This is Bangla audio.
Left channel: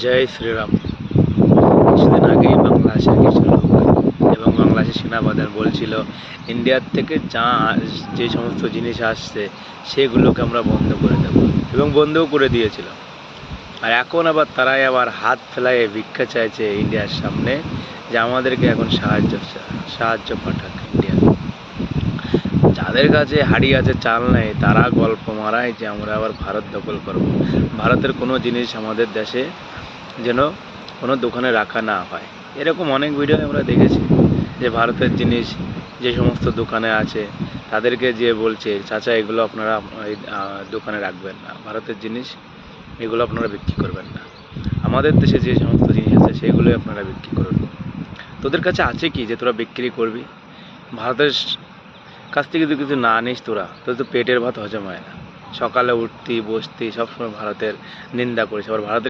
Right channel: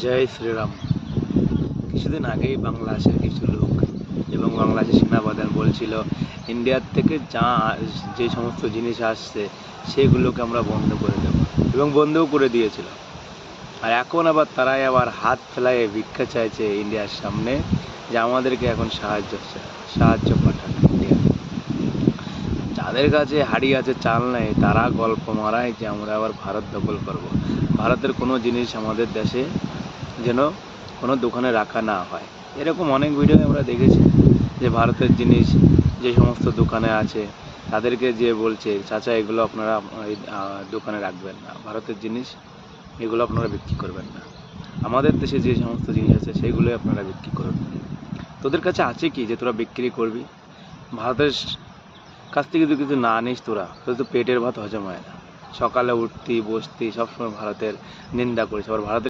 জয় শ্রীরাম। কিছুদিন আগেই বাংলাদেশের কিছু লোক এবং বাংলাদেশের সেনাপ্রধান বলছিল ইন্ডিয়ার থেকে যে সমস্ত জিনিস আসছে সেগুলোকে আমরা বন্ধ করে দেব, এবং বন্ধও করে দিয়েছিল। আর এখন আবার তারাই আবার হাত ফেলায় ভিক্ষা চাইছে ইন্ডিয়ার সামনে যে আমাদেরকে এখন সাহায্য পাঠাক ইন্ডিয়া। যাদের কাছে হাড়ি আছে চাল নেই তারা গল্প মারায় যে আমরা আবার ভারত দখল করব। ভারতের কোনো জিনিস আমাদের দেশে যেন কোনো দোকানে রাখা না হয়। এরকম অনেক ভিডিও আমরা দেখেছি যে ভারতের জিনিস যে সমস্ত দোকানে আছে তাদেরকে যে বলছে চাচা এগুলো আপনারা দোকানে রাখবেন না, ভারতের জিনিস এগুলো আপনারা বিক্রি করবেন না, আমাদের দেশে যে সমস্ত জিনিস আছে সেগুলোই আপনারা বিক্রি করুন। তোদের কাছে আছে কি যে তোরা বিক্রি করবি? ভারতের কাছ থেকে যদি কিছু না নিস তোদের তো পেটের ভাত হজম হয় না। সকালে উঠতি বসতি সবসময় ভারতের নিন্দা করিস, আবার ভারতের